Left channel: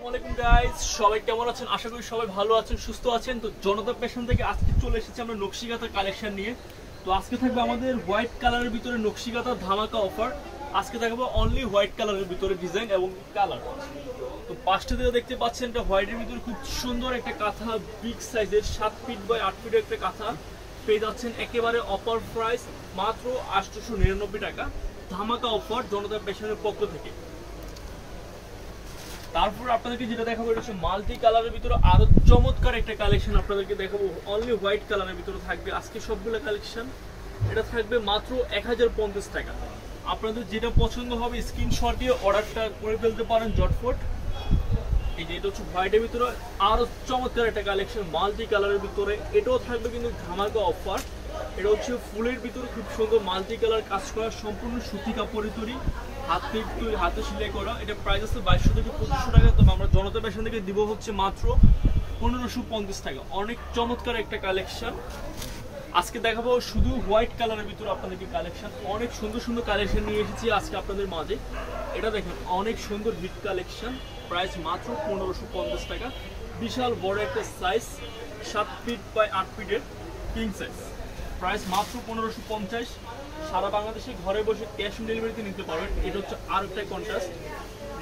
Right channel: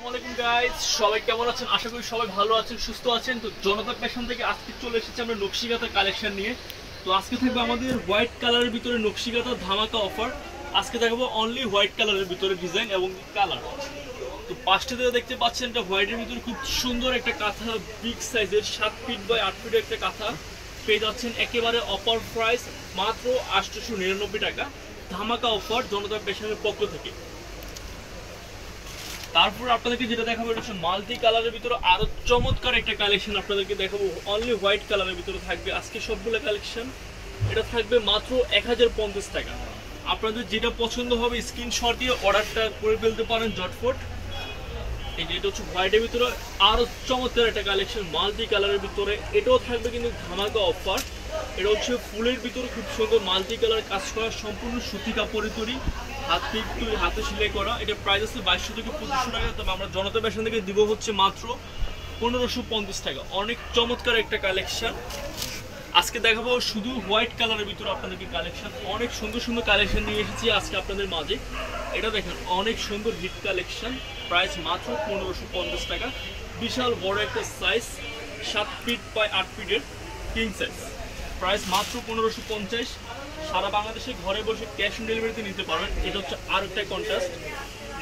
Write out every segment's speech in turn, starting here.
আসসালামু আলাইকুম গাইস, সবাই কেমন আছেন? আশা করি সবাই ভালো আছেন, সুস্থ আছেন। তো জনতা ফ্যাশন থেকে আজকে চলে এসেছি আমরা নকশিকাঁথা কালেকশন নিয়ে। তো আজকে থাকবে আমাদের হোয়াইট কালারের ভিতরে নকশিকাঁথা ধামাকা অফার। আজকে দেখাবো অনলি হোয়াইট কালারের ভিতরে ডিজাইন এবং কালার। তো পাঁচটা থেকে দেখতে পাচ্ছেন এটা হোয়াইটের ভিতরে খুব সুন্দর একটা কাঁথা, বিগ সাইজের 7 ফিট বাই 8 ফিটের একটা কাঁথা পেয়ে যাচ্ছেন একেবারে অফার প্রাইস মাত্র 899 টাকা। ধামাকা অফার জনতা ফ্যাশনের পক্ষ থেকে। তারপর আপনাদেরকে যেটা দেখাবো এটা হচ্ছে মাল্টি কালারের ভিতরে আরো চমৎকার একটা কালেকশন আপনাদেরকে দেখাবো। অনলি হোয়াইট কালারের ভিতরে থাকবে আজকে সবগুলো কালেকশন। এটা থাকবে মাত্র 1050 টাকা। আপনাদের যেটা পছন্দ হবে স্ক্রিনশট দিয়ে অর্ডারটা করে ফেলতে পারেন ঝটফট। এই যে এটা হচ্ছে হোয়াইটের ভিতরে আরো চমৎকার একটা কালেকশন মাল্টি কালারের ভিতরে, এটাও থাকবে কিন্তু ধামাকা অফার। এটা হচ্ছে ফুলের ভিতরে খুব সুন্দর মাল্টি কালার কাজ করা, সম্পূর্ণ সুতি কাপড়ের তৈরি, হাতে সেলাই করা। এটা প্রাইস আছে 2200 থেকে 2500 টাকা। তবে আমরা জনতা ফ্যাশন থেকে দিব হচ্ছে মাত্র 1550 টাকা। অনেক চমৎকার একটা কালেকশন আজকে দেখাবো শুধু হোয়াইট কালারের ভিতরে আপনাদেরকে কালেকশন। অনেক সুন্দর সুন্দর কালেকশন নিয়ে এসেছি আজকে আপনাদের মাঝে। এটা দেখেন অনেক সুন্দর হিট কালেকশন, প্রাইস মাত্র 1550 টাকা। বিশাল বড় একটা সাইজ 7 ফিট বাই 8 ফিটের কিং সাইজ, প্রাইস মাত্র 1550। সারা বাংলাদেশে ঘরে বসে ক্যাশ অন ডেলিভারিতে নিতে পারবেন। এটা হচ্ছে আর একটা কন্ট্রাস্ট,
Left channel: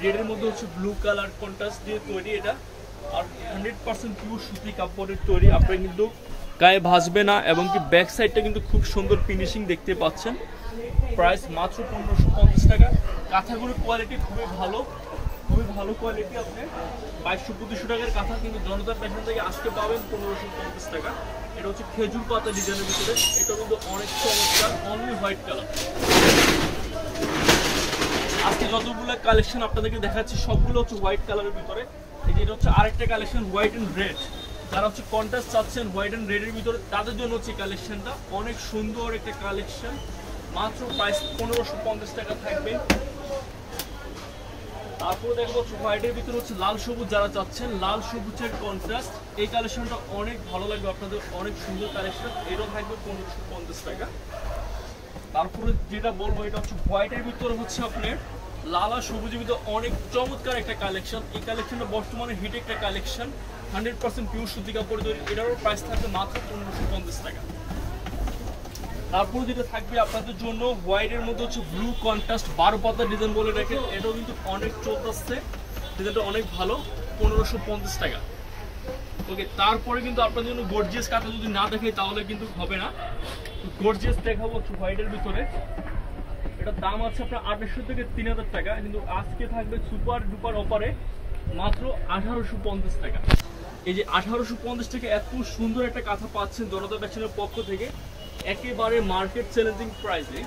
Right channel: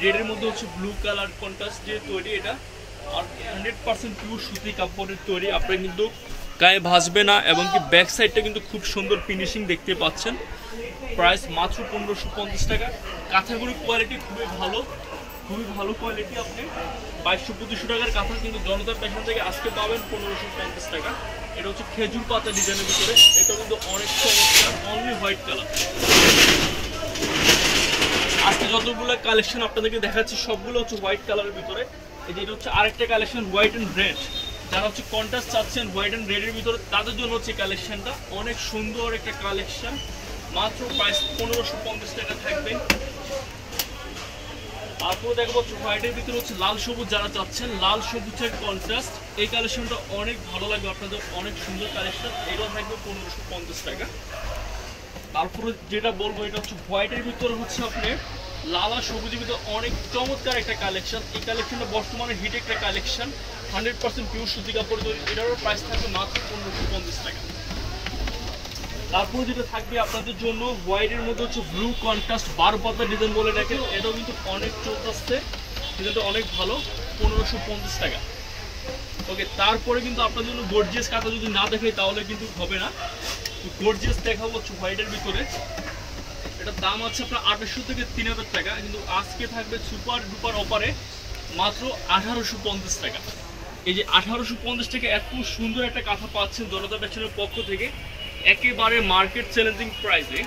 রেডের মধ্যে হচ্ছে ব্লু কালার কন্ট্রাস্ট দিয়ে তৈরি। এটা আর 100% পিওর সুতি কাপড়ের তৈরি। আপনারা কিন্তু গায়ে ভাসবে না এবং কি ব্যাক সাইডটা কিন্তু খুব সুন্দর ফিনিশিং দেখতে পাচ্ছেন। প্রাইস মাত্র 1550 টাকা। কাঁথাগুলোর কোয়ালিটি খুবই ভালো কোয়ালিটি। আপনি 2200-2500 টাকার কাঁথা কিন্তু জনতা ফ্যাশন থেকে আজকে পাবেন 1550 টাকা। এটা হচ্ছে খেজুর পাতা ডিজাইনের ভিতরে, এটা কিন্তু অনেক চমৎকার, অনলি হোয়াইট কালার। আজকে যতগুলো কালেকশন আপনাদেরকে দেখাচ্ছি সবগুলো হচ্ছে হোয়াইট কালারের ভিতরে। এই যে এটা হচ্ছে আরেকটা কালেকশন হোয়াইট অ্যান্ড রেড। যারা হচ্ছে কন্ট্রাস্ট চাচ্ছেন হোয়াইট অ্যান্ড রেডের ভিতরে তাদের জন্য হচ্ছে কালেকশনটা অনেক সুন্দর একটা কালেকশন। মাত্র প্রাইস 1550 টাকা থাকবে। তারপরে দেখবো হোয়াইটের ভিতরে হচ্ছে লাল সবুজ, যারা চাচ্ছেন লাল সবুজের কন্ট্রাস্ট, এই কালেকশনটা অনেক ভালো লাগবে আপনাদের, অনেক সুন্দর কালেকশন। এটাও থাকবে 1550 টাকা। তারপরে যেটা বলবো এটা হচ্ছে হোয়াইটের ভিতরে হচ্ছে আপনি লাল আর সবুজের ভিতরে অনেক চমৎকার একটা কালেকশন। এই কালেকশনটা বর্তমানে হিট একটা কালেকশন, 100% পিওর সুতি কাপড় তৈরি। এটারও প্রাইস থাকবে মাত্র 1550 টাকা। তারপরে যেটা থাকবে আপনাদের জন্য হোয়াইটের মধ্যে হচ্ছে ব্লু কন্ট্রাস্ট 12 পাতা ডিজাইন বলে রাখে। এটাও কিন্তু অনেক চলতেছে, ডিজাইনটা অনেক ভালো, 1550 টাকা। ওকে, তারপরে কিন্তু আপনাদের জন্য গর্জিয়াস কাঁথা যদি না দেখে তাহলে কিন্তু হবে না। গর্জিয়াস দেখাবো হচ্ছে হোয়াইটের ভিতরে। এটার দাম আছে আপনার 2800 থেকে 3000 টাকা, কিন্তু আজকে থাকবে সুপার ডুপার অফারে মাত্র 1850 টাকা। এই যে 1850 টাকা এত সুন্দর একটা কাঁথা পাচ্ছেন জনতা ফ্যাশনের পক্ষ থেকে একেবারে মার্কেট চ্যালেঞ্জিং প্রাইসে।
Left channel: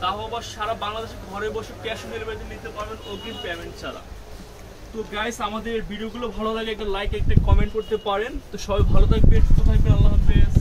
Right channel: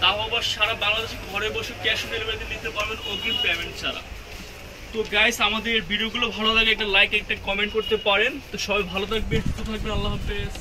তাও আবার সারা বাংলাদেশে ঘরে বসে ক্যাশ অন ডেলিভারিতে নিতে পারবেন অগ্রিম পেমেন্ট ছাড়া। তো গাইস, আমাদের ভিডিওগুলো ভালো লাগে একটা লাইক একটা কমেন্ট করতে পারেন। তো সবাই ভালো থাকবেন, সুস্থ থাকবেন, আল্লাহ হাফেজ।